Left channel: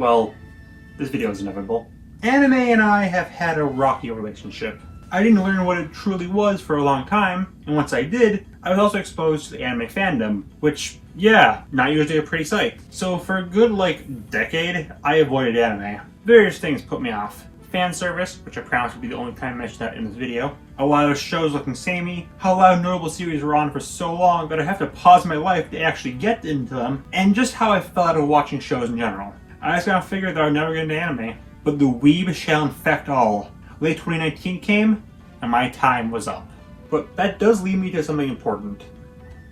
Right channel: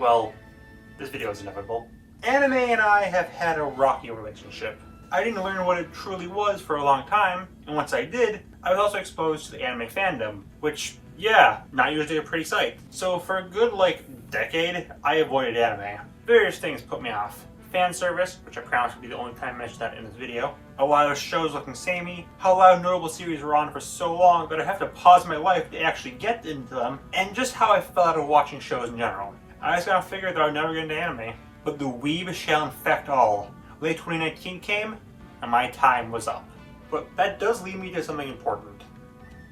Well, this video is inevitable. Anime and I have had a rocky relationship. I didn't learn what it truly was for a long time, and once I did, I was also exposed to the anime fandom, which, yeah, not usually a pretty sight. So for a good, decade, I avoided anime. Various things put me off. Fan service, which I promise will be the only time I mention that in this video. A lot of shows looking samey, how a lot of notable series were on for so long that I have to pause my life to actually get into them, and just how I fell out of watching shows in general. I just kinda figured that I would never get into anime. But the weeb shall infect all. Late 2019 came, and my time was up. But that does lead me to something important.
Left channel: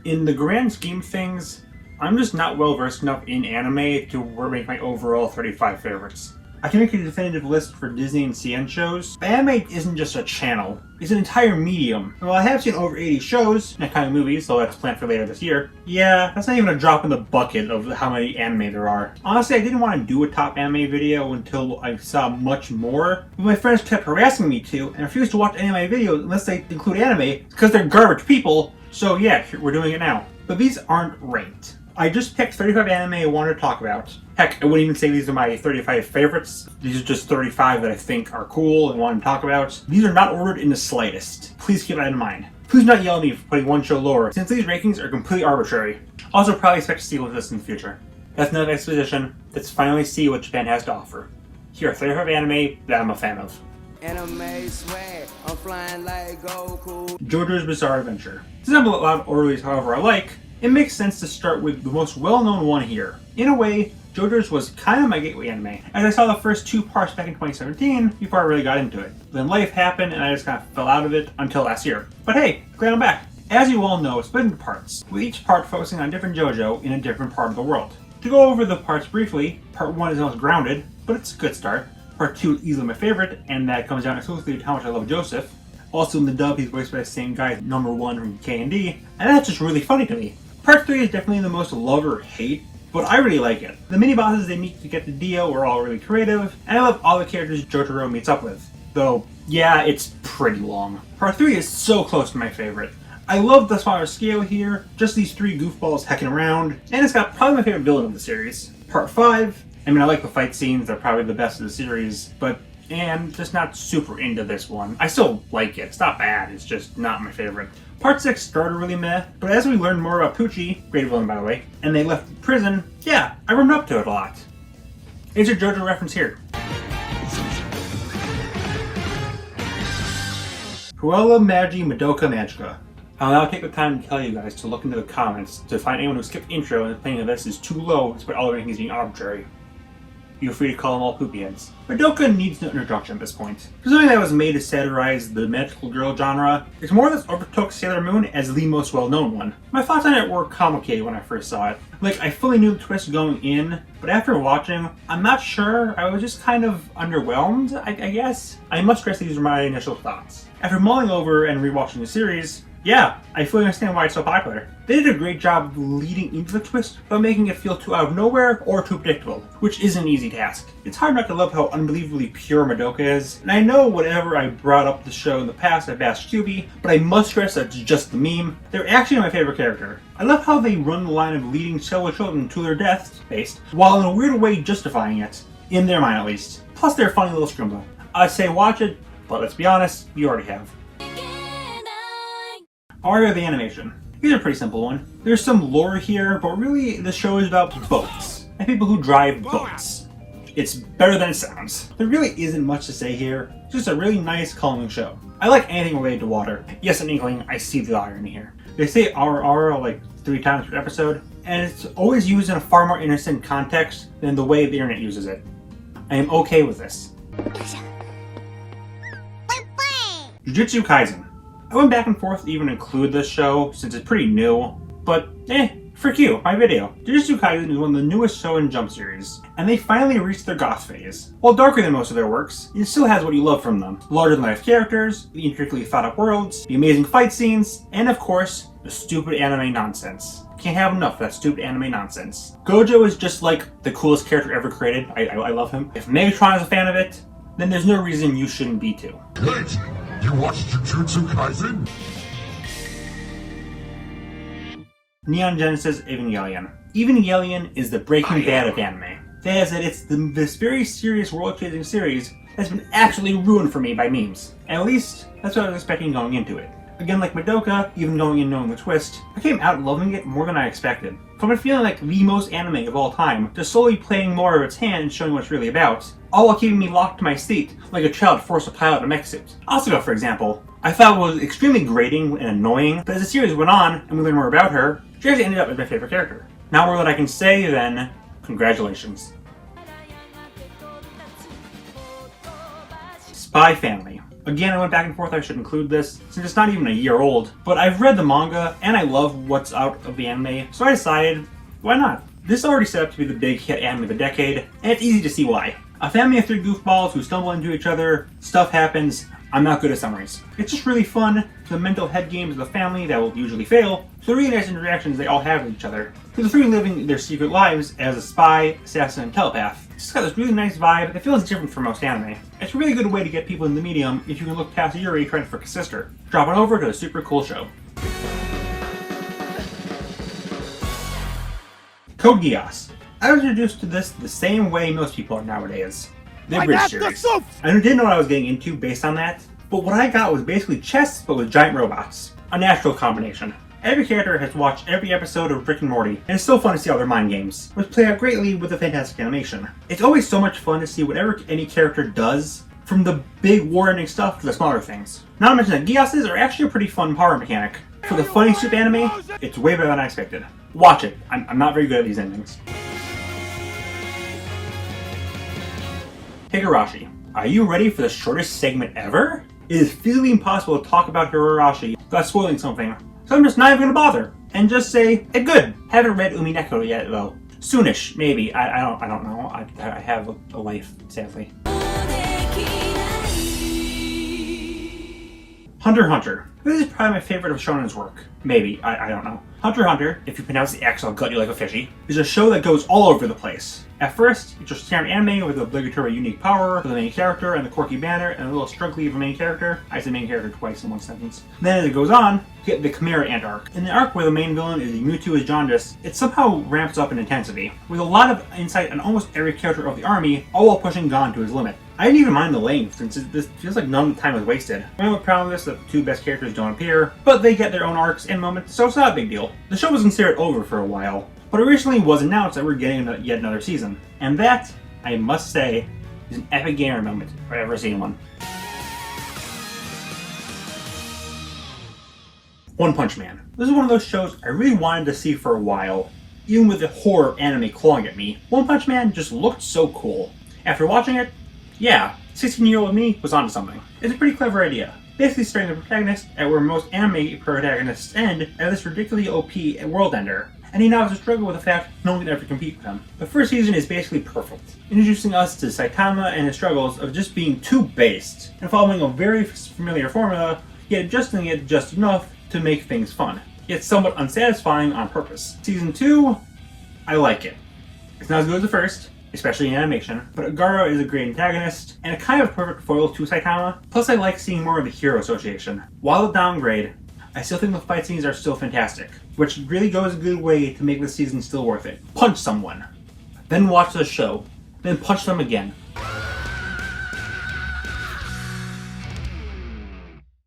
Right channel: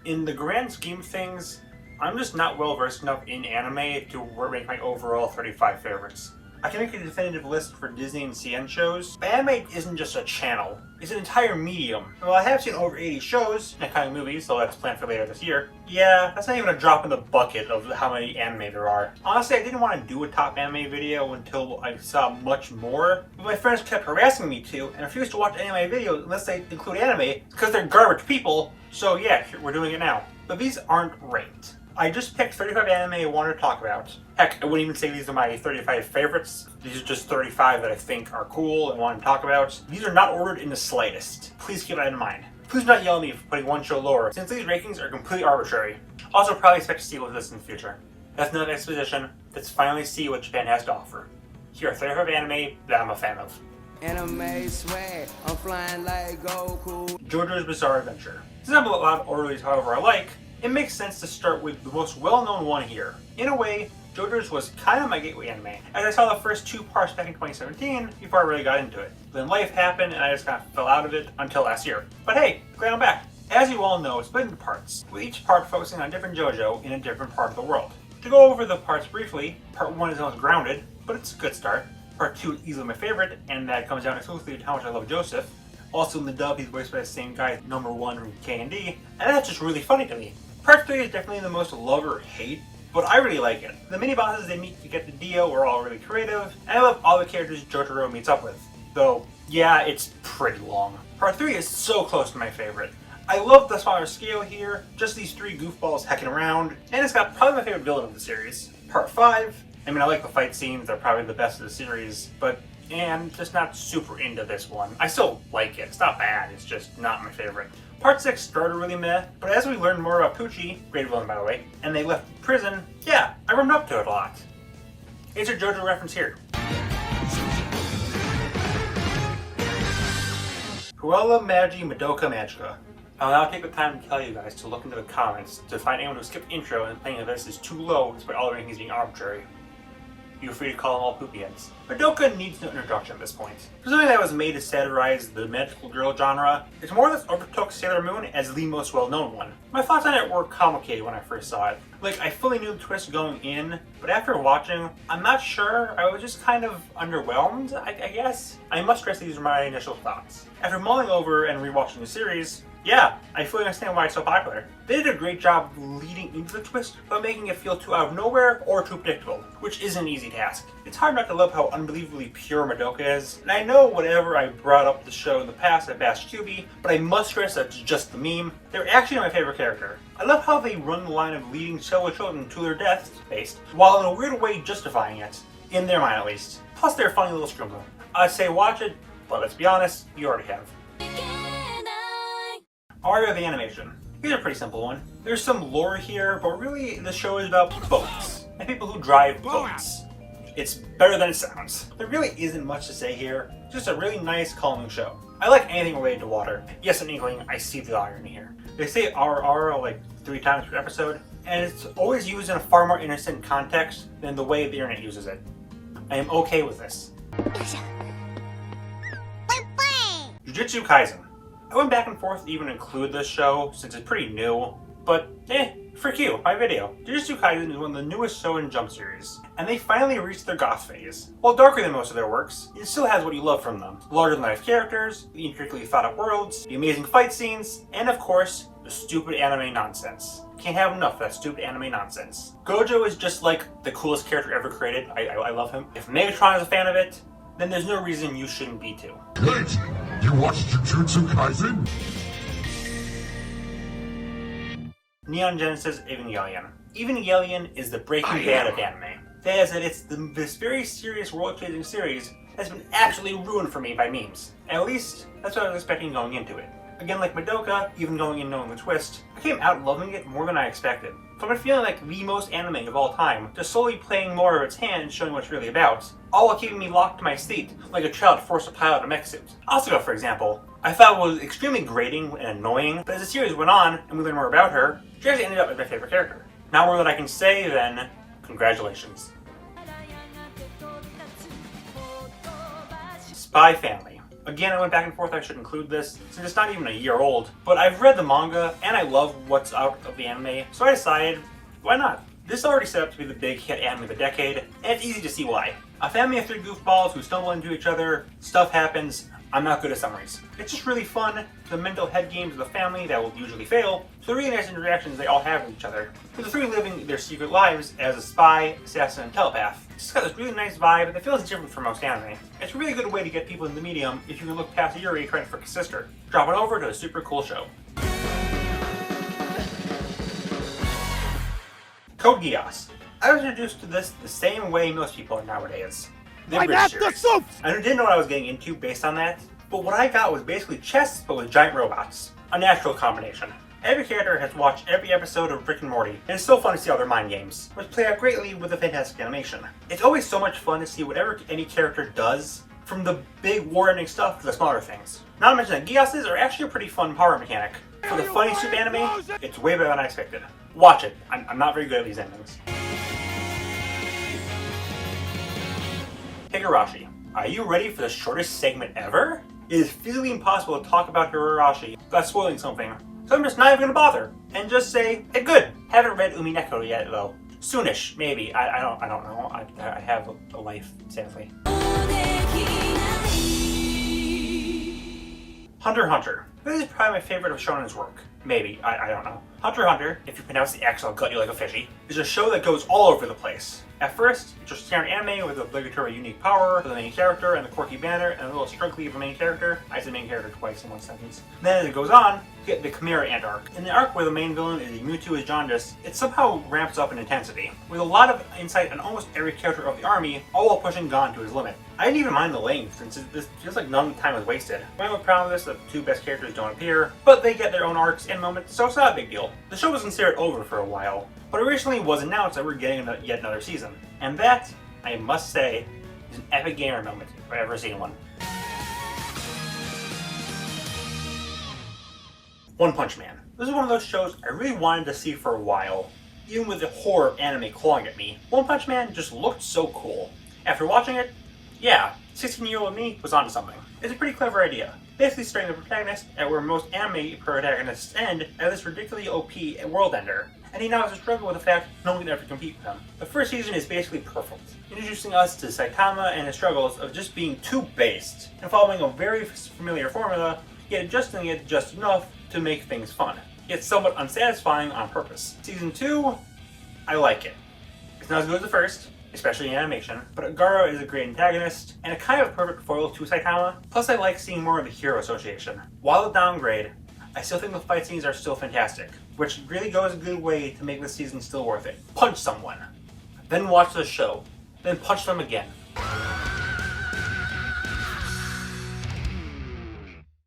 In the grand scheme of things, I'm just not well versed enough in anime to rank my overall 35 favorites. I can make a definitive list for Disney and CN shows, but anime isn't just a channel, it's an entire medium. While I have seen over 80 shows and kind of movies, so that's planned for later this year, yeah, that's not even a drop in the bucket of how many anime there are. Honestly, I didn't want to do a top anime video until I saw much more, but my friends kept harassing me to, and refused to watch anime videos unless they include anime, because they're garbage people, so yeah, we're doing it now. But these aren't ranked. I just picked 35 anime I wanted to talk about. Heck, I wouldn't even say these are my 35 favorites. These are just 35 that I think are cool and want to talk about. These are not ordered in the slightest. Please keep that in mind. Please do not yell at me for putting one show lower, since these rankings are completely arbitrary. Also, probably expect to see with this in the future. That's enough exposition. Let's finally see what Japan has to offer. Here are 35 anime that I'm a fan of. Anime swag, I'm flying like Goku. JoJo's Bizarre Adventure. Since I'm a lot of orderlies however I like, it makes sense to start with the most well-known one here. In a way, JoJo's was kind of my gateway anime, as I saw the first 2 parts back in 2017 before I really got into it. Then life happened and I just kind of fell out of it until last year. But hey, glad I'm back. As you all know, it's split into parts, with each part focusing on a different JoJo in a different part of the world. To go over the parts briefly, part 1 is the most grounded, but it's a good start. Part 2 is easily my favorite, and that comes down exclusively to how much I love Joseph. Also in the dub, he's voiced by the same guy as number 1 from K&D, and that's just really funny to me. Part 3 is definitely the most love or hate, but I really like it. The mini-bosses they meet to get the Dio are all really creative, and I love all the characters Jotaro meets up with. Though, yeah, it's pretty long. Part 3 is so close to my favorite. I love the smaller scale here, just these 3 goofballs hecking around, and it's got probably my favorite villain of the series. Part 5, I mean I like the fight scenes, they're probably the best of the series, but and just not super into this one. I still like it, it's not bad, it's just not my favorite. Part 6 started really meh, but as we learned more about Pucci, great villain by the way, and they left prison, yeah, I warmed up to it a lot. Here's your JoJo reference here. Cruella Magi Madoka Magica. I'll now take the time to tell you guys to look into the comments to find anyone who skipped intro and claiming that this is too low despite all the rankings being arbitrary. Feel free to call them all poopy heads. Madoka needs no introduction at this point. For something that was made to satirize the magical girl genre, it's more or less overtook Sailor Moon as the most well-known one. My thoughts on it were complicated when I first saw it. I fully knew the twist going in, but after watching, I'm not sure, I was just kind of underwhelmed, I guess. I must stress these are my initial thoughts. After mulling over and rewatching the series, yeah, I fully understand why it's so popular. They did a great job of leading into the twist without making it feel too out of nowhere or too predictable, which isn't an easy task. It's hard not to love how unbelievably pure Madoka is, and I know whenever I brought up the show in the past I bashed QB, but I must stress that it's just the meme. They're actually my favorite character. I love how they run the line of leading several children to their deaths, based, while in a weird way justifying it, in their mind at least. Plus they're a funny little scrimbo. I'd say watch it, but let's be honest, you already have. Aria the Animation. Here's a pretty simple one. There's some lore here, but really the show is about boats, and people who drive boats. It's better than it sounds. There really isn't much to say here, just a really nice, calming show. I like anything related to water. Yes, in Inkling, I see the irony here. They say R 3 times per episode, and it's always used in a far more innocent context than the way the internet uses it. I am okay with this. Jujutsu Kaisen. I went back and forth to even include this show since it's pretty new, but frick you, my video. Jujutsu Kaisen is one of the newest Shonen Jump series, and they finally reached their goth phase. While darker than most of their works, it still has what you love from them. Larger than life characters, the intricately thought out worlds, the amazing fight scenes, and of course, the stupid anime nonsense. Can't have enough of that stupid anime nonsense. Gojo is just like the coolest character ever created. I love him. If Megatron is a fan of it, then there's no reason you shouldn't be too. Wait! You watched Jujutsu Kaisen? Neon Genesis Evangelion. Evangelion is the Breaking Bad of anime. They said it's this very serious world-changing series that's been actually ruined for me by memes. At least, that's what I was expecting going into it. Again, like Madoka, even going in knowing the twist, I came out loving it more than I expected. From it feeling like the most anime of all time, to slowly playing more of its hand and showing what it's really about, all while keeping me locked to my seat like a child forced to pilot a mech suit. Asuka, for example, I thought was extremely grating and annoying, but as the series went on and we learned more about her, she actually ended up as my favorite character. Not more than I can say, then, congratulations. Spy Family. Again, I went back and forth, I should include this, since it's not even a year old, but I've read the manga, and I love what's out of the anime, so I decided, why not? This is already set up to be the big hit anime of the decade, and it's easy to see why. A family of 3 goofballs who stumble into each other, stuff happens. I'm not good at summaries. It's just really fun, the mental head games of the family that will usually fail, the really nice interactions they all have with each other, to the 3 living their secret lives as a spy, assassin, and telepath. It's just got this really nice vibe that feels different from most anime. It's a really good way to get people in the medium if you can look past Yuri trying to frick his sister. Drop on over to a super cool show. Code Geass. I was introduced to this the same way most people are nowadays. The British series. I didn't know what I was getting into based on that, but what I got was basically chess but with giant robots. A natural combination. Every character has watched every episode of Rick and Morty, and it's still fun to see all their mind games, which play out greatly with the fantastic animation. It's always so much fun to see whatever any character does, from the big war-ending stuff to the smaller things. Not to mention that Geasses are actually a pretty fun power mechanic. For the funny soup anime, it's way better than I expected. Watch it. I'm not very good at these endings. Higurashi. Are you ready for the shortest segment ever? It is physically impossible to talk about Higurashi without spoiling something, so I'm just not even gonna bother, and just say, it's good. Haven't read Umineko yet though. Soonish, maybe. I don't know. I have a life, sadly. Hunter x Hunter. This is probably my favorite of Shonen's work. Maybe, I don't know. Hunter x Hunter, if you pronounce the X, I'll gut you like a fishy, is a show that goes all over the place. At first, it's just standard anime with the obligatory unique power for the main character and the quirky banner and a little struggly of a main character. I said main character twice in one sentence. Then as it goes on, you get the Chimera Ant arc. In the arc where the main villain is the Mewtwo is jaundice, it somehow ramps up in intensity, with a lot of insight on almost every character of the army, all while pushing Gon to his limit. I didn't even mind the length, since this feels like none of the time was wasted. I'm with proud of this, the 2 best characters don't appear, but they get their own arcs and moments, so it's not a big deal. The show was considered over for a while, but it recently was announced that we're getting yet another season. And that, I must say, is an epic gamer moment if I've ever seen one. One Punch Man. This is one of those shows I really wanted to see for a while, even with the horror of anime clawing at me. One Punch Man just looked so cool. After watching it, yeah, 16-year-old me was onto something. It's a pretty clever idea. Basically starting the protagonist at where most anime protagonists end, at this ridiculously OP world ender. And he now has to struggle with the fact no one can ever compete with him. The first season is basically perfect, introducing us to Saitama and his struggles of just being too based, and following a very familiar formula, yet adjusting it just enough to make things fun, yet somewhat unsatisfying on purpose. Season 2, I like it. It's not as good as the first, especially in animation, but Agaro is a great antagonist, and a kind of perfect foil to Saitama, plus I like seeing more of the hero association. While a downgrade, I still think the fight scenes are still fantastic, which really goes a good way to make the season still worth it. Punch someone, then watch the show, then punch them again.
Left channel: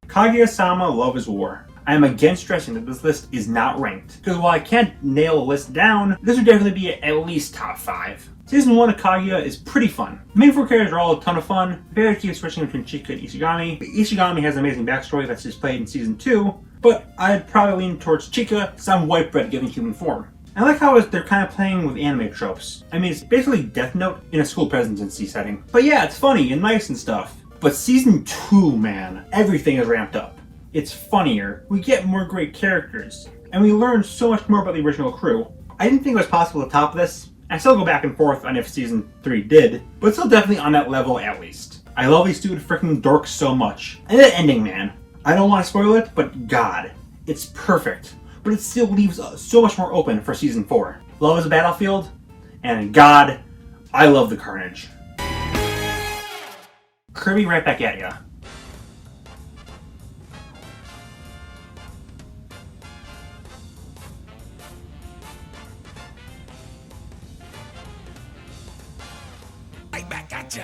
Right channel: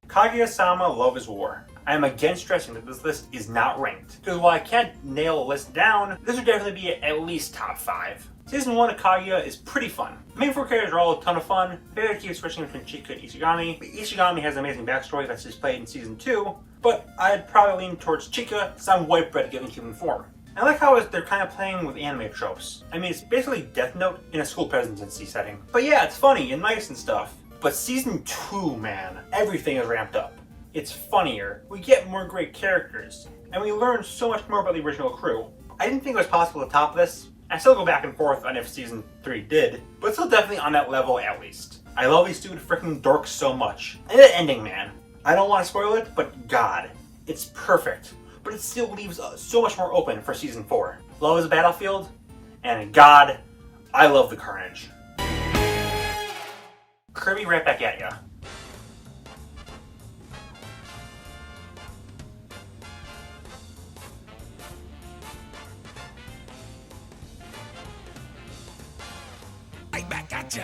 Kaguya-sama Love is War. I am again stressing that this list is not ranked, because while I can't nail a list down, this would definitely be at least top 5. Season 1 of Kaguya is pretty fun. The main 4 characters are all a ton of fun. The pair keeps switching between Chika and Ishigami. But Ishigami has an amazing backstory that's displayed in Season 2, but I'd probably lean towards Chika, some white bread given human form. I like how they're kind of playing with anime tropes. I mean, it's basically Death Note in a school presidency setting. But yeah, it's funny and nice and stuff. But Season 2, man, everything is ramped up. It's funnier, we get more great characters, and we learn so much more about the original crew. I didn't think it was possible to top this. I still go back and forth on if Season 3 did, but it's still definitely on that level at least. I love these stupid freaking dorks so much. And that ending, man. I don't want to spoil it, but God, it's perfect. But it still leaves so much more open for Season 4. Love is a battlefield, and God, I love the carnage. Kirby right back at ya. right back at ya.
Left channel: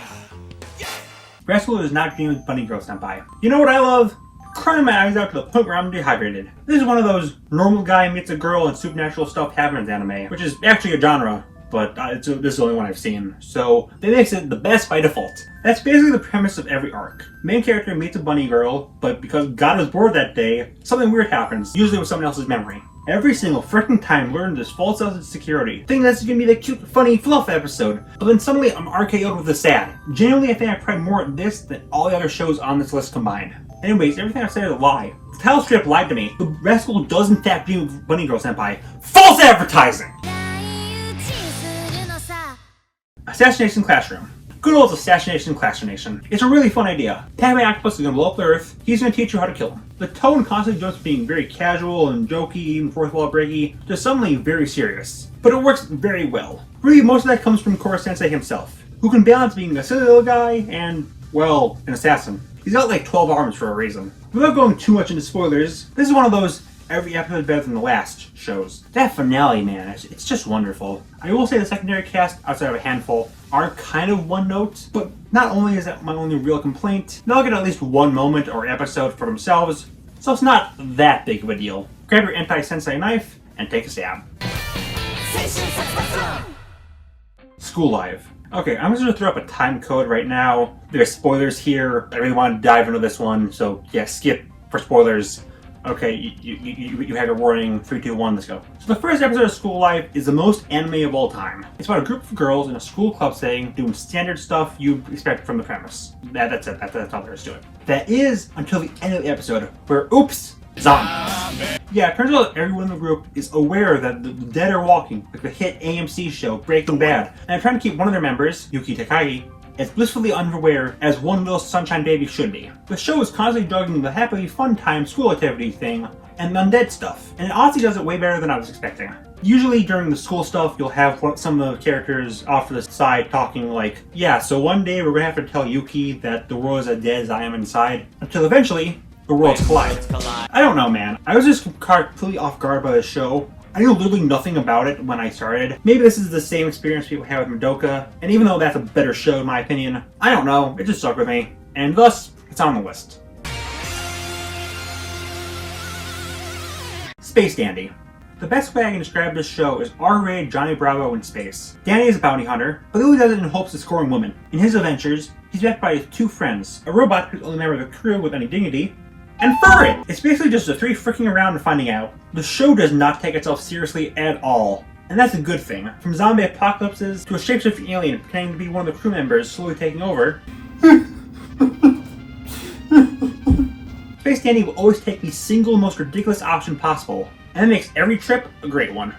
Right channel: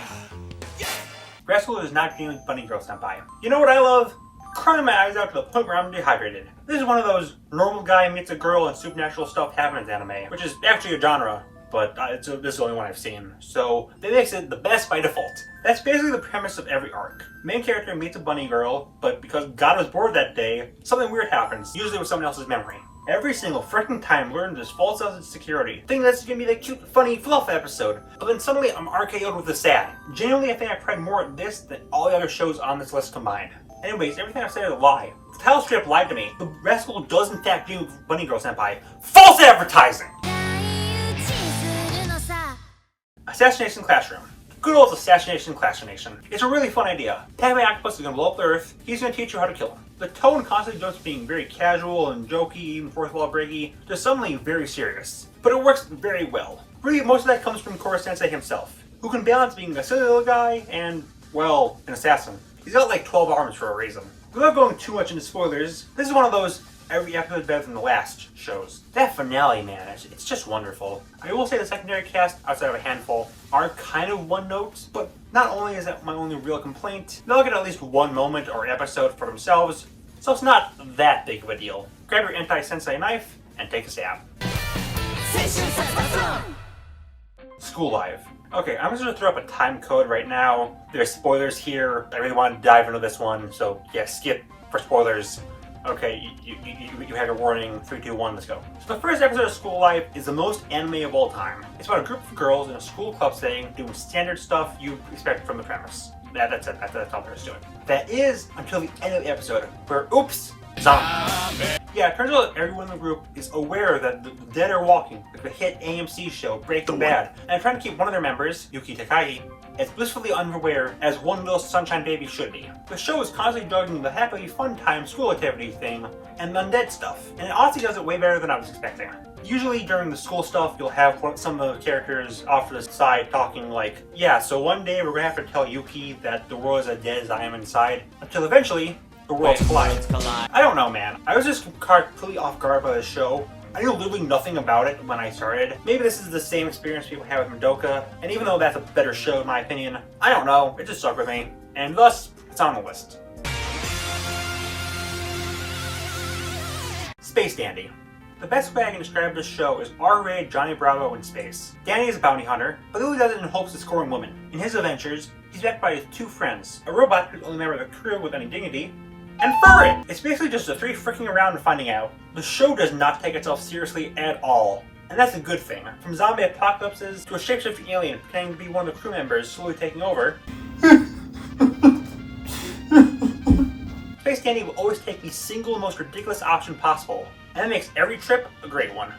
Rascal is not being Bunny Girl Senpai. You know what I love? Crying my eyes out to the point where I'm dehydrated. This is one of those normal guy meets a girl and supernatural stuff happens anime, which is actually a genre, but this is the only one I've seen, so that makes it the best by default. That's basically the premise of every arc. Main character meets a bunny girl, but because God was bored that day, something weird happens, usually with someone else's memory. Every single freaking time learns this false sense of security. Thinking that's gonna be the cute, funny, fluff episode. But then suddenly I'm RKO'd with the sad. Genuinely, I think I cried more at this than all the other shows on this list combined. Anyways, everything I've said is a lie. The title strip lied to me. The Rascal does in fact dream of Bunny Girl Senpai. False advertising! Assassination Classroom. Good old Assassination Classroom. It's a really fun idea. Padme Octopus is gonna blow up the Earth. He's gonna teach you how to kill him. The tone constantly jumps from being very casual and jokey, even fourth wall breaky, to suddenly very serious. But it works very well. Really, most of that comes from Koro Sensei himself, who can balance being a silly little guy and, well, an assassin. He's got like 12 arms for a reason. Without going too much into spoilers, this is one of those every episode better than the last shows. That finale, man, it's just wonderful. I will say the secondary cast, outside of a handful, are kind of one note, but not only is that my only real complaint, they'll get at least one moment or episode for themselves, so it's not that big of a deal. Grab your anti-sensei knife and take a stab. School Live. Okay, I'm just gonna throw up a time code right now. There's spoilers here. I really want to dive into this one, so yeah, skip for spoilers. Okay, you had a warning. 3, 2, 1, let's go. So the first episode of School Life is the most anime of all time. It's about a group of girls in a school club setting doing standard stuff you'd expect from the premise. That's it. That's all there is to it. That is until the end of the episode, where oops, zombie. Yeah, it turns out everyone in the group is aware that the dead are walking, like the hit AMC show Breaking Bad, and they're trying to keep one of their members, Yuki Takagi, as blissfully unaware as one little sunshine baby should be. The show is constantly juggling the happily fun time school activity thing and undead stuff, and it honestly does it way better than I was expecting. Usually during the school stuff, you'll have some of the characters off to the side talking like, yeah, so one day we're gonna have to tell Yuki that the world is as dead as I am inside, until eventually, the worlds collide. I don't know, man. I was just completely off guard by the show. I knew literally nothing about it when I started. Maybe this is the same experience people have with Madoka, and even though that's a better show in my opinion, I don't know, it just stuck with me, and thus, it's on the list. Space Dandy. The best way I can describe this show is R-rated Johnny Bravo in space. Danny is a bounty hunter, but he only does it in hopes of scoring women. In his adventures, he's backed by his 2 friends, a robot who's the only member of the crew with any dignity, and Furry! It's basically just the 3 freaking around and finding out. The show does not take itself seriously at all. And that's a good thing. From zombie apocalypses to a shapeshifting alien pretending to be one of the crew members slowly taking over. Space Dandy will always take the single most ridiculous option possible, and that makes every trip a great one.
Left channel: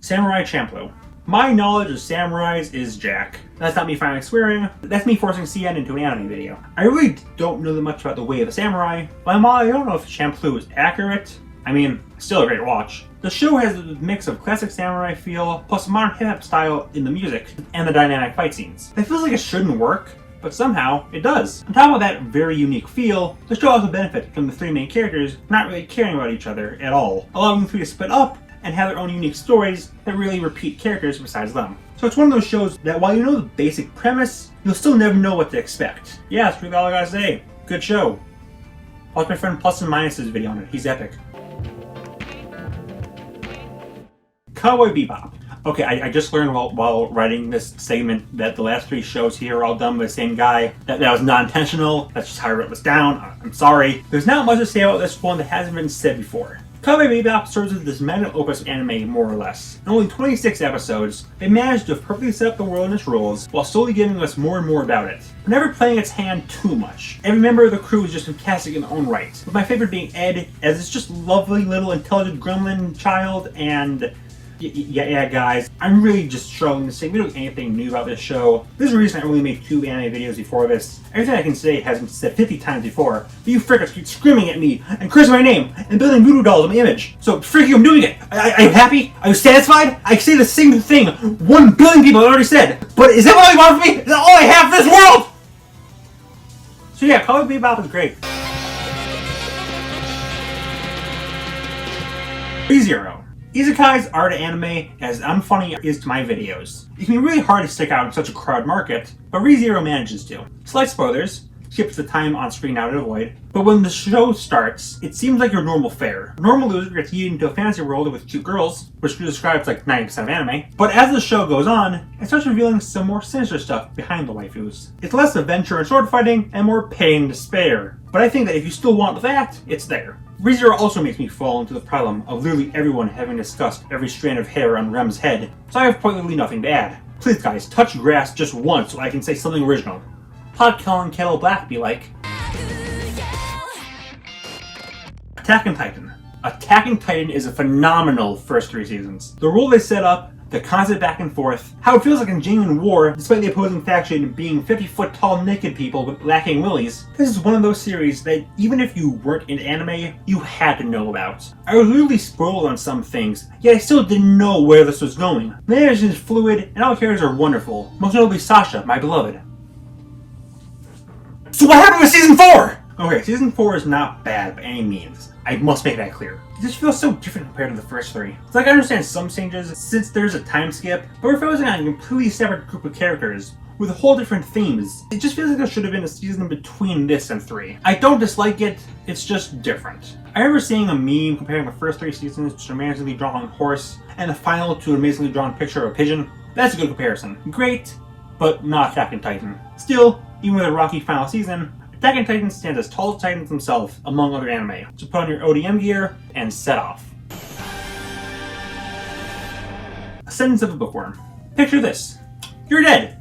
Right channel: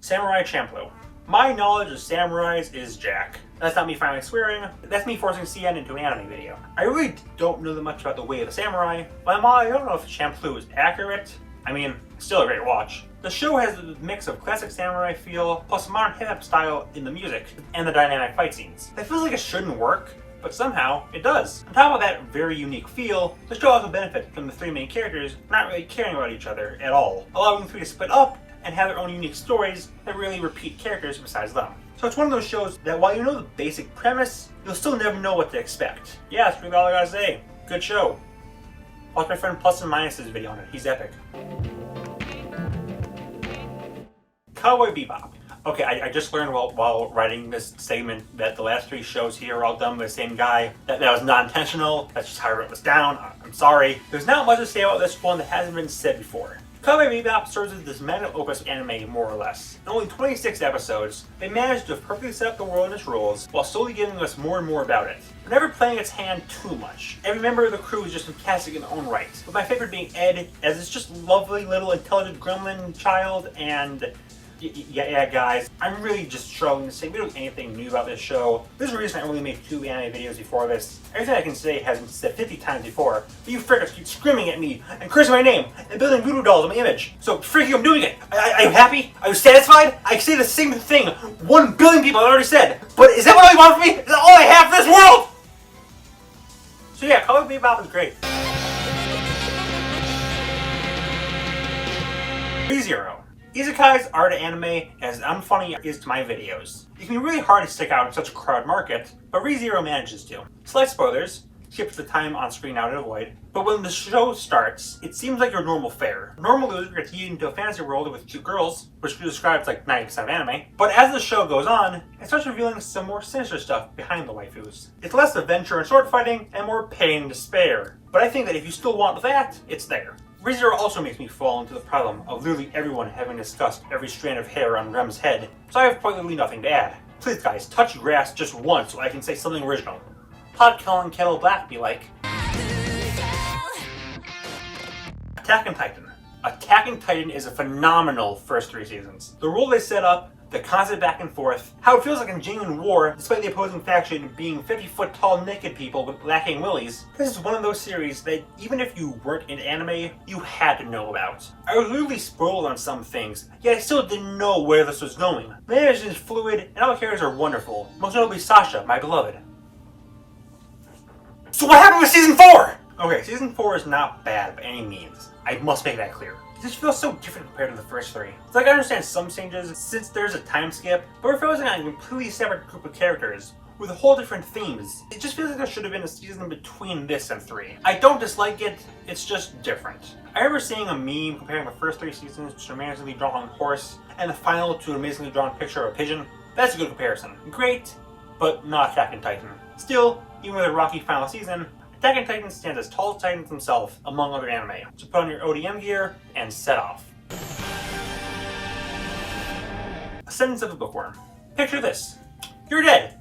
Samurai Champloo. My knowledge of samurais is jack. That's not me finally swearing, that's me forcing CN into an anime video. I really don't know that much about the way of the samurai, but I don't know if Champloo is accurate. I mean, still a great watch. The show has a mix of classic samurai feel, plus modern hip-hop style in the music, and the dynamic fight scenes. It feels like it shouldn't work, but somehow it does. On top of that very unique feel, the show also benefits from the 3 main characters not really caring about each other at all, allowing the 3 to split up and have their own unique stories that really repeat characters besides them. So it's one of those shows that while you know the basic premise, you'll still never know what to expect. Yeah, that's really all I gotta say. Good show. Watch my friend Plus and Minus's video on it. He's epic. Cowboy Bebop. Okay, I just learned while writing this segment that the last 3 shows here are all done by the same guy. That was not intentional. That's just how I wrote this down. I'm sorry. There's not much to say about this one that hasn't been said before. Cowboy Bebop serves as this magnum opus anime, more or less. In only 26 episodes, it managed to perfectly set up the world and its rules, while slowly giving us more and more about it, but never playing its hand too much. Every member of the crew is just fantastic in their own right, with my favorite being Ed, as it's just lovely little intelligent gremlin child, and yeah, guys, I'm really just struggling to say really anything new about this show. There's a reason I only made 2 anime videos before this. Everything I can say has been said 50 times before, but you frickers keep screaming at me and cursing my name and building voodoo dolls on my image. So, frick you, I'm doing it! Are you happy? Are you satisfied? I say the same thing 1 billion people have already said, but is that what you want from me? Is that all I have for this world? So yeah, Cowboy Bebop is great. ReZero. Isekais are to anime as unfunny is to my videos. It can be really hard to stick out in such a crowded market, but ReZero manages to. Slight spoilers, skips the time on screen now to avoid, but when the show starts, it seems like your normal fare. Normal loser gets yeeted into a fantasy world with cute girls, which describes like 90% of anime, but as the show goes on, it starts revealing some more sinister stuff behind the waifus. It's less adventure and sword fighting, and more pain and despair. But I think that if you still want that, it's there. ReZero also makes me fall into the problem of literally everyone having discussed every strand of hair on Rem's head, so I have quite literally nothing to add. Please guys, touch grass just once so I can say something original. Hot calling Kettle Black be like, Attack on Titan. Attack on Titan is a phenomenal first 3 seasons. The rule they set up, the constant back and forth, how it feels like a genuine war despite the opposing faction being 50-foot tall naked people with lacking willies. This is one of those series that even if you weren't in anime, you had to know about. I was literally spoiled on some things, yet I still didn't know where this was going. The animation is fluid and all the characters are wonderful, most notably Sasha, my beloved. So what happened with Season 4? Okay, Season 4 is not bad by any means. I must make that clear. It just feels so different compared to the first 3. It's like I understand some changes since there's a time skip, but we're focusing on a completely separate group of characters with whole different themes. It just feels like there should have been a season between this and 3. I don't dislike it, it's just different. I remember seeing a meme comparing the first 3 seasons to an amazingly drawn horse and the final to an amazingly drawn picture of a pigeon. That's a good comparison. Great, but not Attack on Titan. Still, even with a rocky final season, Attack on Titan stands as tall as Titans themselves among other anime. So put on your ODM gear and set off. Ascendance of the Bookworm. Picture this. You're dead.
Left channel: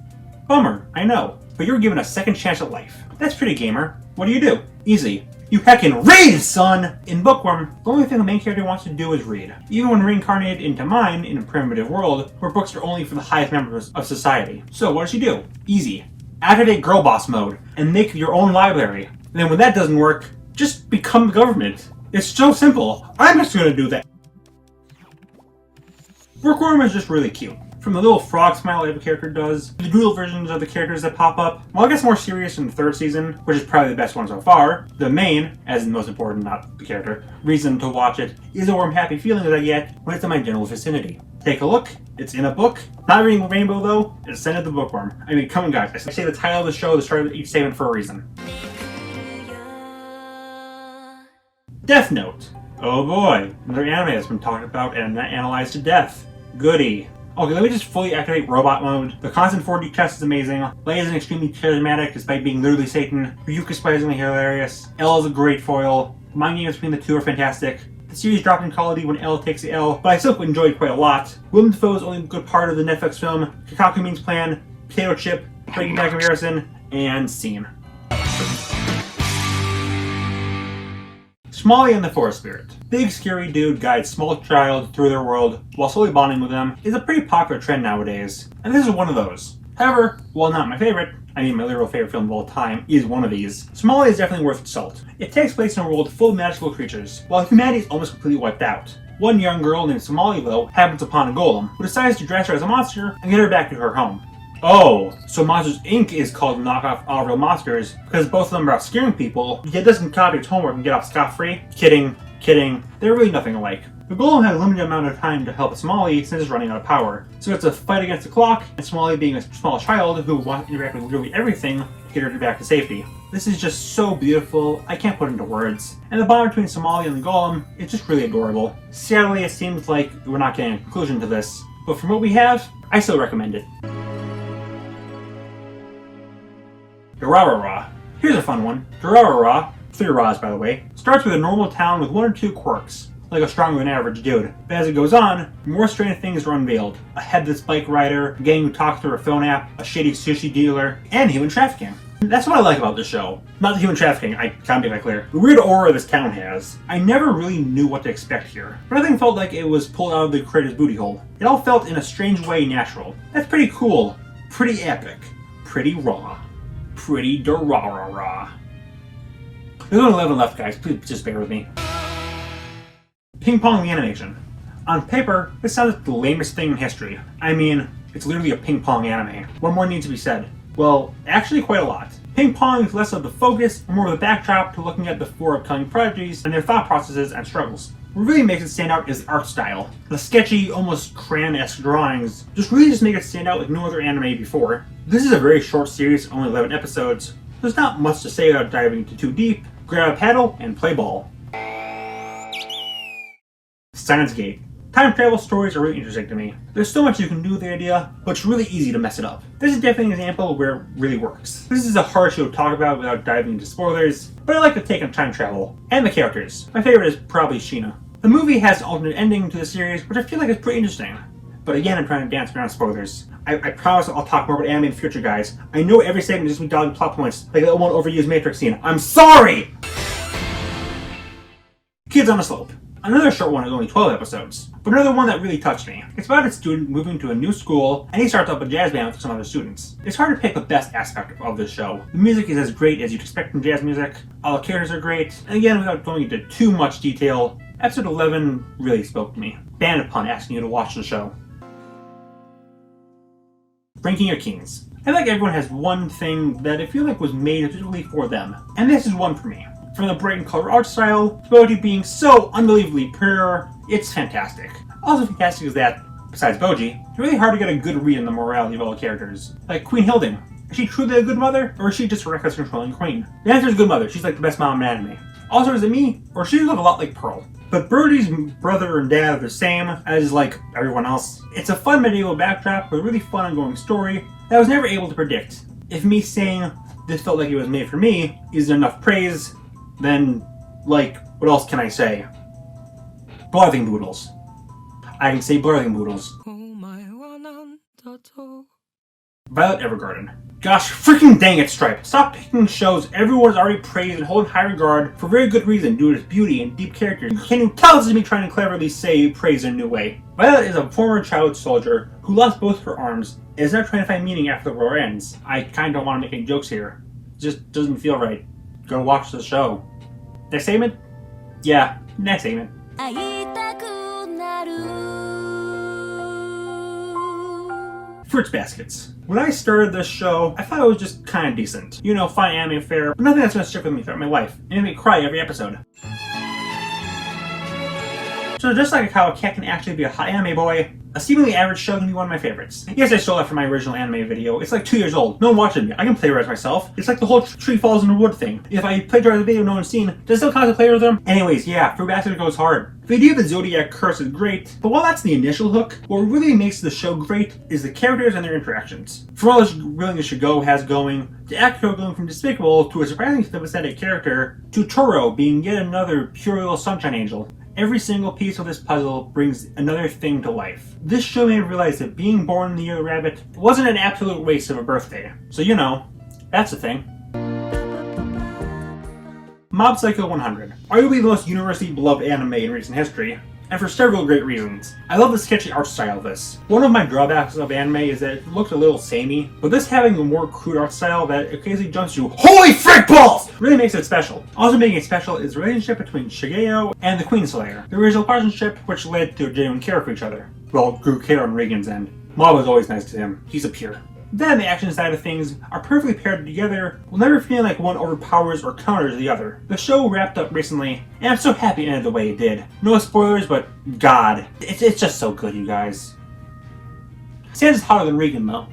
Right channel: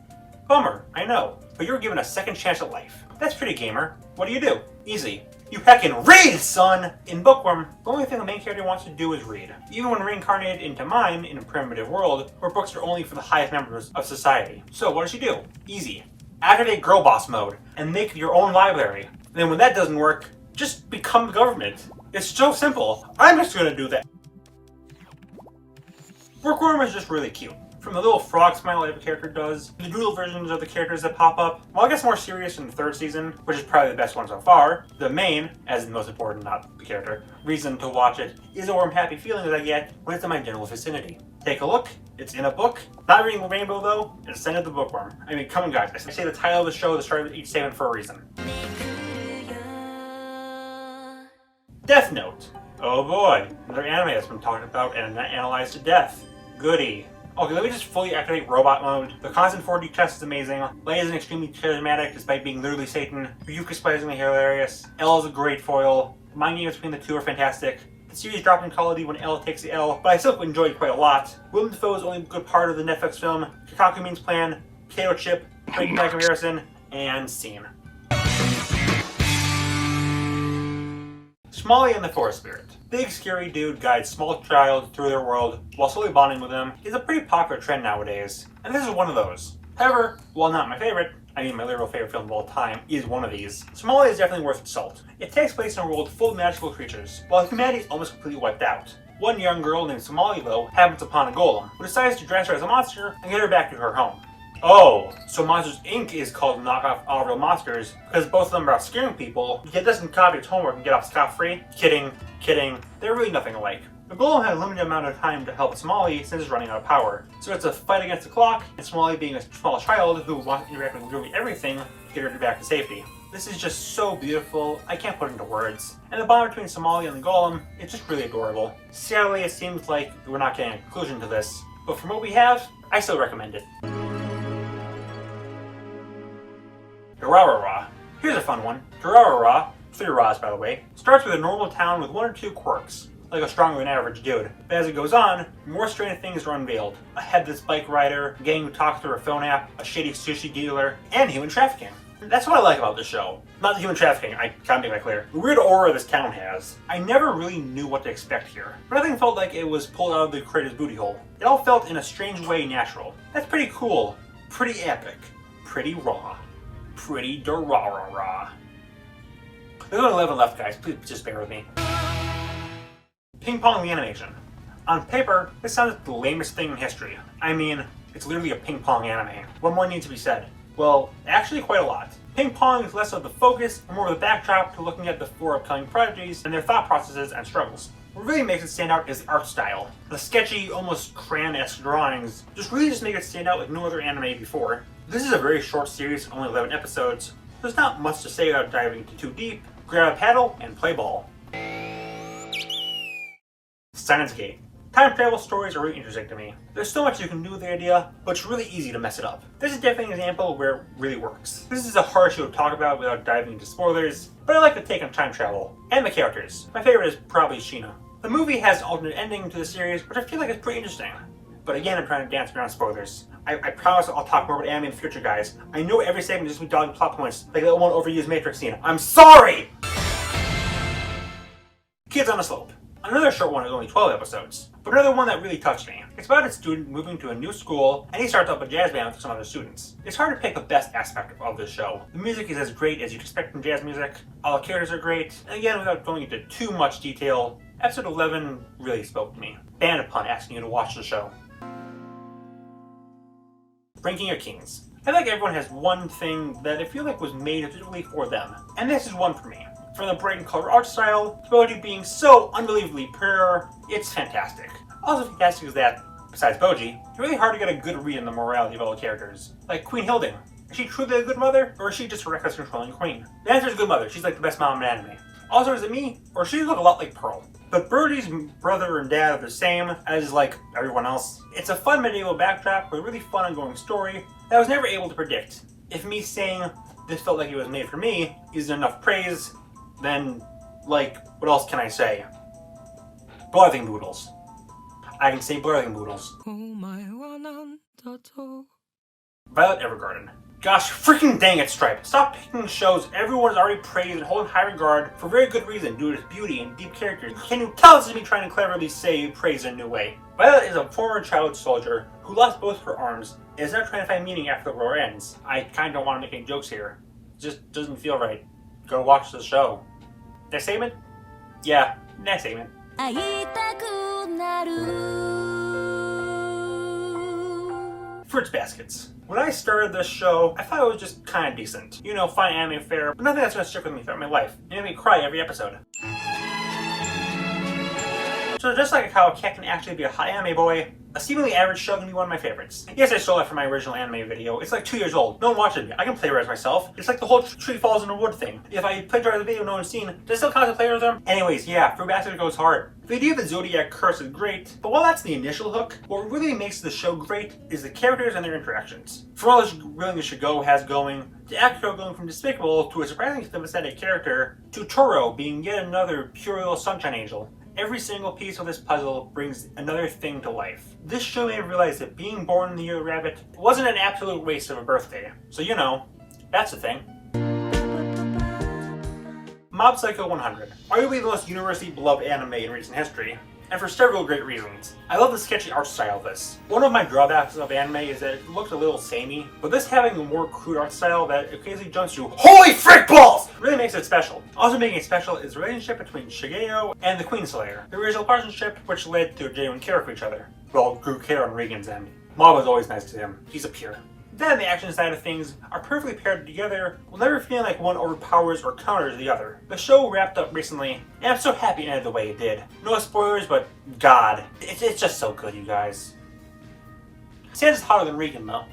Bummer, I know, but you're given a second chance at life. That's pretty, gamer. What do? Easy. You heckin' read, son! In Bookworm, the only thing the main character wants to do is read. Even when reincarnated into mine in a primitive world where books are only for the highest members of society. So what does she do? Easy. Activate girl boss mode and make your own library. And then when that doesn't work, just become the government. It's so simple. I'm just gonna do that. Bookworm is just really cute. From the little frog smile that the character does, the doodle versions of the characters that pop up. While it gets more serious in the 3rd season, which is probably the best one so far, the main, as in most important, not the character, reason to watch it is the warm happy feeling that I get when it's in my general vicinity. Take a look. It's in a book. Not reading Rainbow though, it's Ascendance of the Bookworm. I mean, come on guys, I say the title of the show, the start of each statement for a reason. Death Note. Oh boy, another anime that's been talked about and analyzed to death. Goody. Okay, let me just fully activate robot mode. The constant 4D test is amazing. Lei is extremely charismatic despite being literally Satan. Ryuka is surprisingly hilarious. L is a great foil. The mind games between the two are fantastic. The series dropped in quality when L takes the L, but I still enjoyed it quite a lot. Willem Dafoe is only a good part of the Netflix film. Kakaku Means Plan, Potato Chip, Breaking Bad comparison, and scene. Smalley and the Forest Spirit. Big scary dude guides small child through their world while slowly bonding with them is a pretty popular trend nowadays, and this is one of those. However, while not my favorite, I mean my literal favorite film of all time is one of these, Smalley is definitely worth its salt. It takes place in a world full of magical creatures, while humanity is almost completely wiped out. One young girl named Smalley, though, happens upon a golem, who decides to dress her as a monster and get her back to her home. Oh, so Monsters Inc. is called knockoff All Real Monsters because both of them are about scaring people, yet doesn't copy its homework and get off scot-free? Kidding. They're really nothing alike. The golem had a limited amount of time to help Smalley since it's running out of power, so it's a fight against the clock, and Smalley being a small child who wants to interact with literally everything to get her back to safety. This is just so beautiful, I can't put it into words. And the bond between Smalley and the golem is just really adorable. Sadly, it seems like we're not getting a conclusion to this, but from what we have, I still recommend it. Durarara. Here's a fun one. Durarara, 3 Ra's by the way, starts with a normal town with 1 or 2 quirks, like a stronger than average dude. But as it goes on, more strange things are unveiled. A headless bike rider, a gang who talks through a phone app, a shady sushi dealer, and human trafficking. That's what I like about this show. Not the human trafficking, I can't make that clear. The weird aura this town has. I never really knew what to expect here, but nothing felt like it was pulled out of the creator's booty hole. It all felt in a strange way natural. That's pretty cool, pretty epic, pretty raw, pretty Durarara. There's only 11 left, guys. Please just bear with me. Ping Pong the animation. On paper, this sounds like the lamest thing in history. I mean, it's literally a ping pong anime. What more needs to be said? Well, actually quite a lot. Ping pong is less of the focus and more of the backdrop to looking at the 4 upcoming prodigies and their thought processes and struggles. What really makes it stand out is the art style. The sketchy, almost crayon-esque drawings just make it stand out like no other anime before. This is a very short series, only 11 episodes. There's not much to say without diving into too deep. Grab a paddle and play ball. Steins Gate. Time travel stories are really interesting to me. There's so much you can do with the idea, but it's really easy to mess it up. This is definitely an example where it really works. This is a hard show to talk about without diving into spoilers, but I like the take on time travel. And the characters. My favorite is probably Sheena. The movie has an alternate ending to the series, which I feel like is pretty interesting. But again, I'm trying to dance around spoilers. I promise I'll talk more about anime in the future, guys. I know every segment is just me dodging plot points, like that one overused Matrix scene. I'm sorry! Kids on a Slope. Another short one is only 12 episodes, but another one that really touched me. It's about a student moving to a new school, and he starts up a jazz band with some other students. It's hard to pick the best aspect of this show. The music is as great as you'd expect from jazz music, all the characters are great, and again, without going into too much detail, episode 11 really spoke to me. Banned upon asking you to watch the show. Ranking Your Kings. I feel like everyone has one thing that I feel like was made specifically for them, and this is one for me. From the bright and color art style, to Boji being so unbelievably pure, it's fantastic. Also fantastic is that, besides Boji, it's really hard to get a good read on the morality of all the characters. Like Queen Hilding. Is she truly a good mother, or is she just a reckless controlling queen? The answer is good mother. She's like the best mom in anime. Also, is it me, or she look a lot like Pearl? But Brody's brother and dad are the same as, like, everyone else. It's a fun medieval backdrop with a really fun ongoing story that I was never able to predict. If me saying this felt like it was made for me is enough praise, then, like, what else can I say? Blarthing Boodles. I can say Blarthing Boodles. Violet Evergarden. Gosh freaking dang it, Stripe. Stop picking shows everyone's already praised and hold in high regard for very good reason due to its beauty and deep characters. Can you tell this is me trying to cleverly say praise in a new way? Violet is a former child soldier who lost both her arms and is now trying to find meaning after the war ends. I kinda don't want to make any jokes here. It just doesn't feel right. Go watch the show. Next statement? Yeah, next statement. Fruits Baskets. When I started this show, I thought it was just kinda decent. You know, fine anime fare, but nothing that's gonna stick with me throughout my life. It made me cry every episode. So just like how a cat can actually be a hot anime boy, a seemingly average show can be one of my favorites. Yes, I stole that from my original anime video. It's like 2 years old. No one watching me. I can plagiarize myself. It's like the whole tree falls in the wood thing. If I plagiarize a video no one's seen, does it still count as plagiarism? Anyways, yeah, Fruit Basket goes hard. The idea of the Zodiac Curse is great, but while that's the initial hook, what really makes the show great is the characters and their interactions. From all this willingness Shigo has going, to Akito going from despicable to a surprisingly sympathetic character, to Toro being yet another pure little sunshine angel. Every single piece of this puzzle brings another thing to life. This show made me realize that being born in the year of the rabbit wasn't an absolute waste of a birthday. So you know, that's the thing. Mob Psycho 100. Arguably the most universally beloved anime in recent history, and for several great reasons. I love the sketchy art style of this. One of my drawbacks of anime is that it looked a little samey, but this having a more crude art style that occasionally jumps to HOLY FRICK BALLS! Really makes it special. Also making it special is the relationship between Shigeo and the Queen Slayer. The original partnership which led to a genuine care for each other. Well, grew care on Regan's end. Mob was always nice to him. He's a peer. Then the action side of things are perfectly paired together, with never feeling like one overpowers or counters the other. The show wrapped up recently, and I'm so happy it ended the way it did. No spoilers, but God, it's just so good, you guys. Sans is hotter than Regan, though.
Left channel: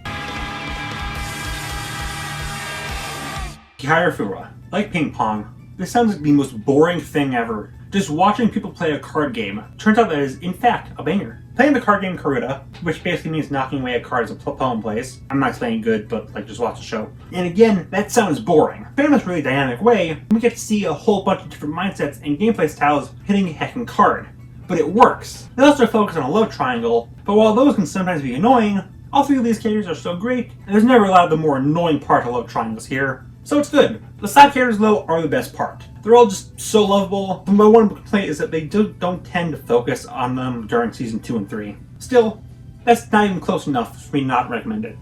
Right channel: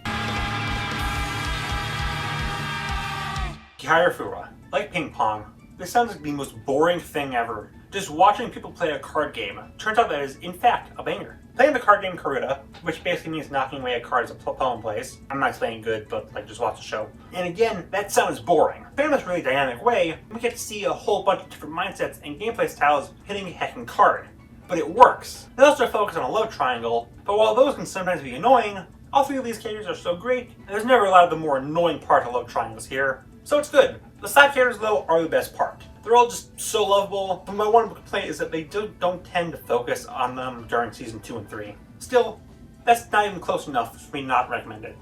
Hierofura. Like ping pong, this sounds like the most boring thing ever. Just watching people play a card game turns out that it is, in fact, a banger. Playing the card game Karuta, which basically means knocking away a card as a poem plays. I'm not explaining good, but like just watch the show. And again, that sounds boring. But in this really dynamic way, we get to see a whole bunch of different mindsets and gameplay styles hitting a heckin' card. But it works. They also focus on a love triangle, but while those can sometimes be annoying, all three of these characters are so great, and there's never a lot of the more annoying part of love triangles here. So it's good. The side characters, though, are the best part. They're all just so lovable, but my one complaint is that they don't tend to focus on them during season 2 and 3. Still, that's not even close enough for me not to recommend it.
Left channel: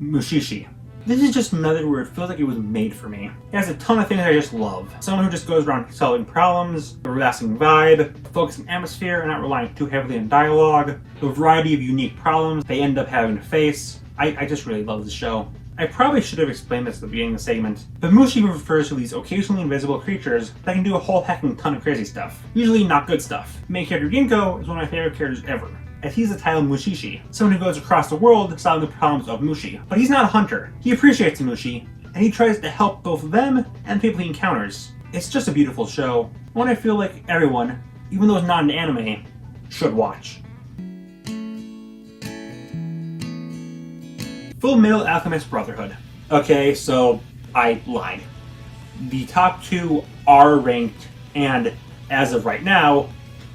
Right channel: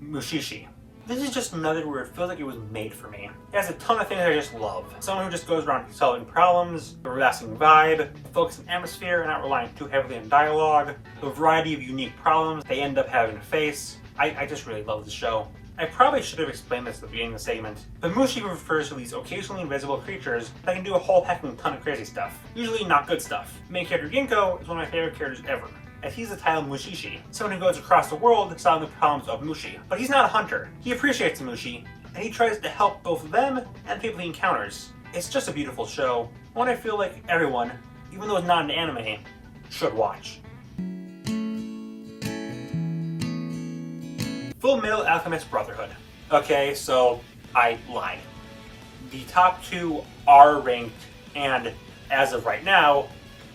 Mushishi. This is just another where it feels like it was made for me. It has a ton of things I just love. Someone who just goes around solving problems, a relaxing vibe, focusing atmosphere and not relying too heavily on dialogue, the variety of unique problems they end up having to face. I just really love the show. I probably should have explained this at the beginning of the segment, but Mushi refers to these occasionally invisible creatures that can do a whole hecking ton of crazy stuff. Usually not good stuff. Main character Ginko is one of my favorite characters ever, as he's the title Mushishi, someone who goes across the world solving the problems of Mushi. But he's not a hunter. He appreciates Mushi, and he tries to help both them and people he encounters. It's just a beautiful show, one I feel like everyone, even those not in anime, should watch. Full Metal Alchemist Brotherhood. Okay, so I lied. The top two are ranked, and as of right now,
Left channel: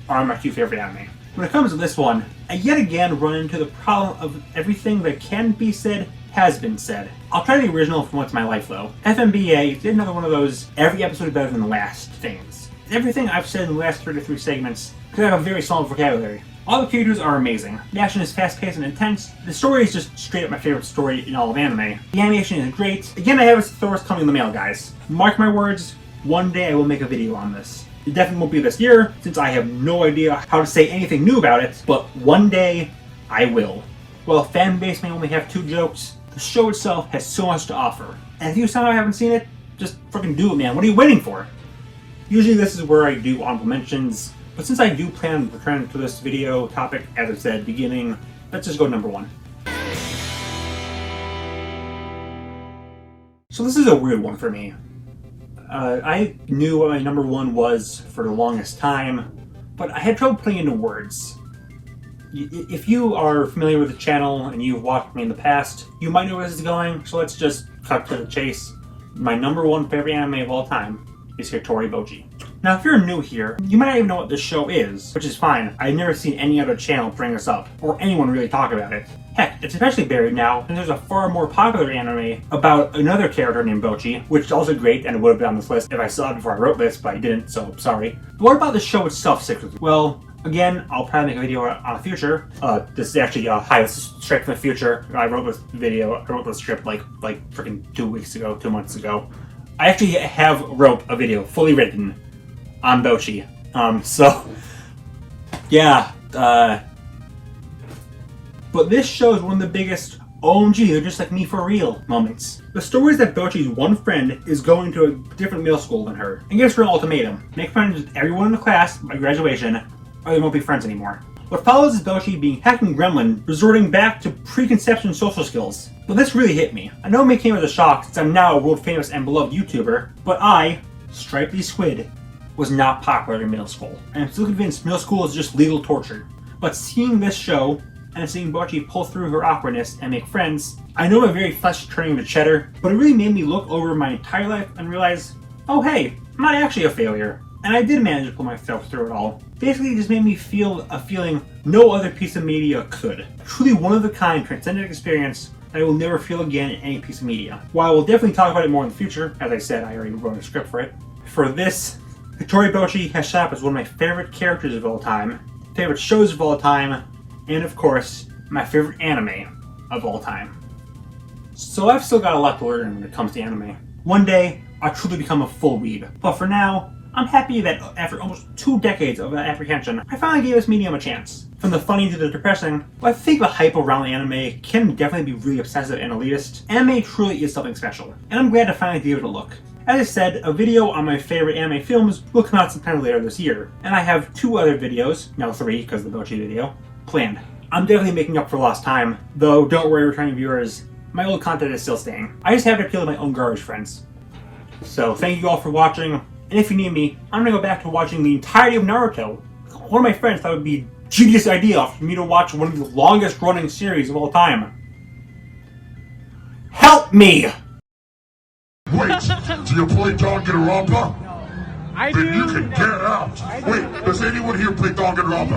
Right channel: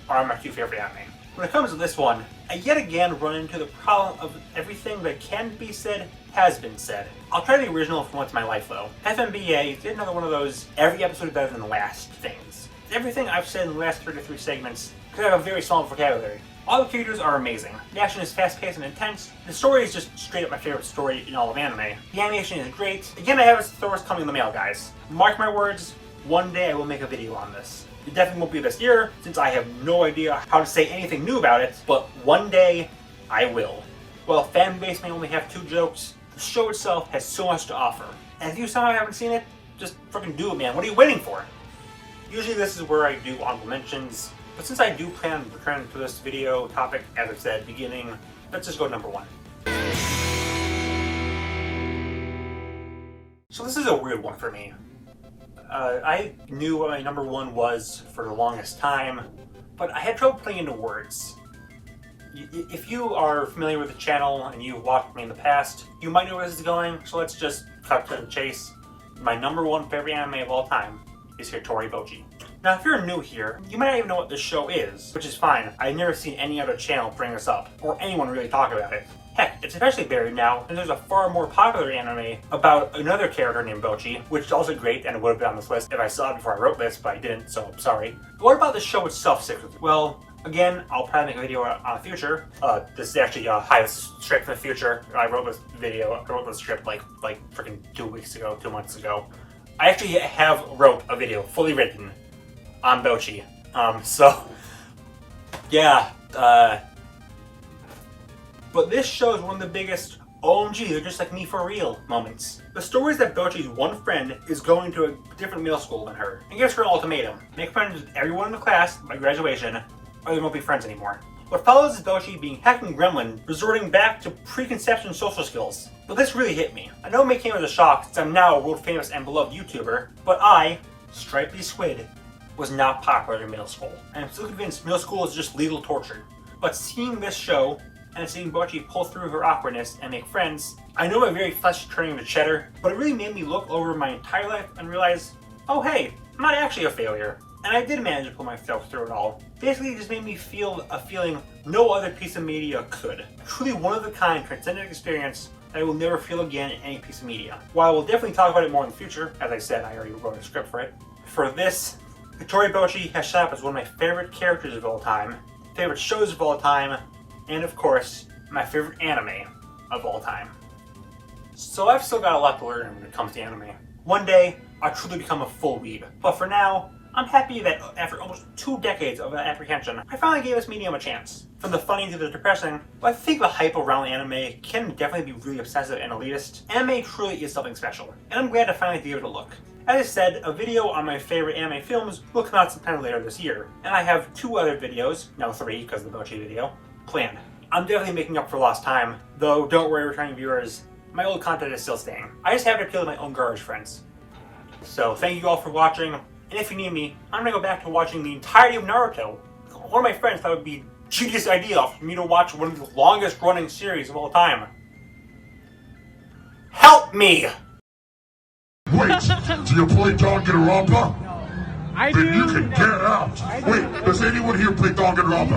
are my two favorite anime. When it comes to this one, I yet again run into the problem of everything that can be said has been said. I'll try the original for once in my life though. FMBA did another one of those every episode is better than the last things. Everything I've said in the last 33 segments because I have a very solid vocabulary. All the characters are amazing. The action is fast-paced and intense. The story is just straight up my favorite story in all of anime. The animation is great. Again, I have a Thor's coming in the mail, guys. Mark my words, one day I will make a video on this. It definitely won't be this year, since I have no idea how to say anything new about it, but one day I will. While fanbase may only have 2 jokes, the show itself has so much to offer. And if you somehow haven't seen it, just fucking do it, man. What are you waiting for? Usually this is where I do honorable mentions, but since I do plan on returning to this video topic, as I said at the beginning, let's just go number 1. So this is a weird one for me. I knew what my number 1 was for the longest time, but I had trouble putting into words. If you are familiar with the channel and you've watched me in the past, you might know where this is going, so let's just cut to the chase. My number 1 favorite anime of all time is Hitori Bochi. Now, if you're new here, you might not even know what this show is, which is fine. I've never seen any other channel bring this up, or anyone really talk about it. Heck, it's especially buried now, and there's a far more popular anime about another character named Bochi, which is also great, and it would have been on this list if I saw it before I wrote this, but I didn't, so sorry. But what about the show itself sticks with you? Well, again, I'll probably make a video on the future. This is actually a highest script for the future. I wrote this script like freaking 2 weeks ago, 2 months ago. I actually wrote a video fully written on Bochi. So, yeah, but this show is one of the biggest OMG, they're just like me for real moments. The story is that Bochi's one friend is going to a different middle school than her, and gives her an ultimatum. Make friends with everyone in the class by graduation, or they won't be friends anymore. What follows is Bochi being hacking gremlin, resorting back to preconception social skills. But this really hit me. I know it may came as a shock since I'm now a world famous and beloved YouTuber, but I, Stripey Squid, was not popular in middle school. And I'm still convinced middle school is just legal torture. But seeing this show, and seeing Bochi pull through her awkwardness and make friends, I know I'm very flesh turning to cheddar, but it really made me look over my entire life and realize, oh hey, I'm not actually a failure. And I did manage to pull myself through it all. Basically, it just made me feel a feeling no other piece of media could. Truly one of a kind, transcendent experience that I will never feel again in any piece of media. While we'll definitely talk about it more in the future, as I said, I already wrote a script for it. For this, Hitori Bochi has shot up as one of my favorite characters of all time, favorite shows of all time, and of course, my favorite anime of all time. So I've still got a lot to learn when it comes to anime. One day, I'll truly become a full weeb. But for now, I'm happy that after almost 2 decades of apprehension, I finally gave this medium a chance. From the funny to the depressing, but I think the hype around anime can definitely be really obsessive and elitist. Anime truly is something special, and I'm glad to finally give it a look. As I said, a video on my favorite anime films will come out sometime later this year, and I have 2 other videos, now 3 because of the Bochi video, planned. I'm definitely making up for lost time, though don't worry returning viewers, my old content is still staying. I just have to appeal to my own garbage friends. So thank you all for watching, and if you need me, I'm gonna go back to watching the entirety of Naruto. One of my friends thought it would be a genius idea for me to watch one of the longest running series of all time. Help me! Wait, do you play Danganronpa? I Then do. you can get out. Wait, does anyone here play Danganronpa?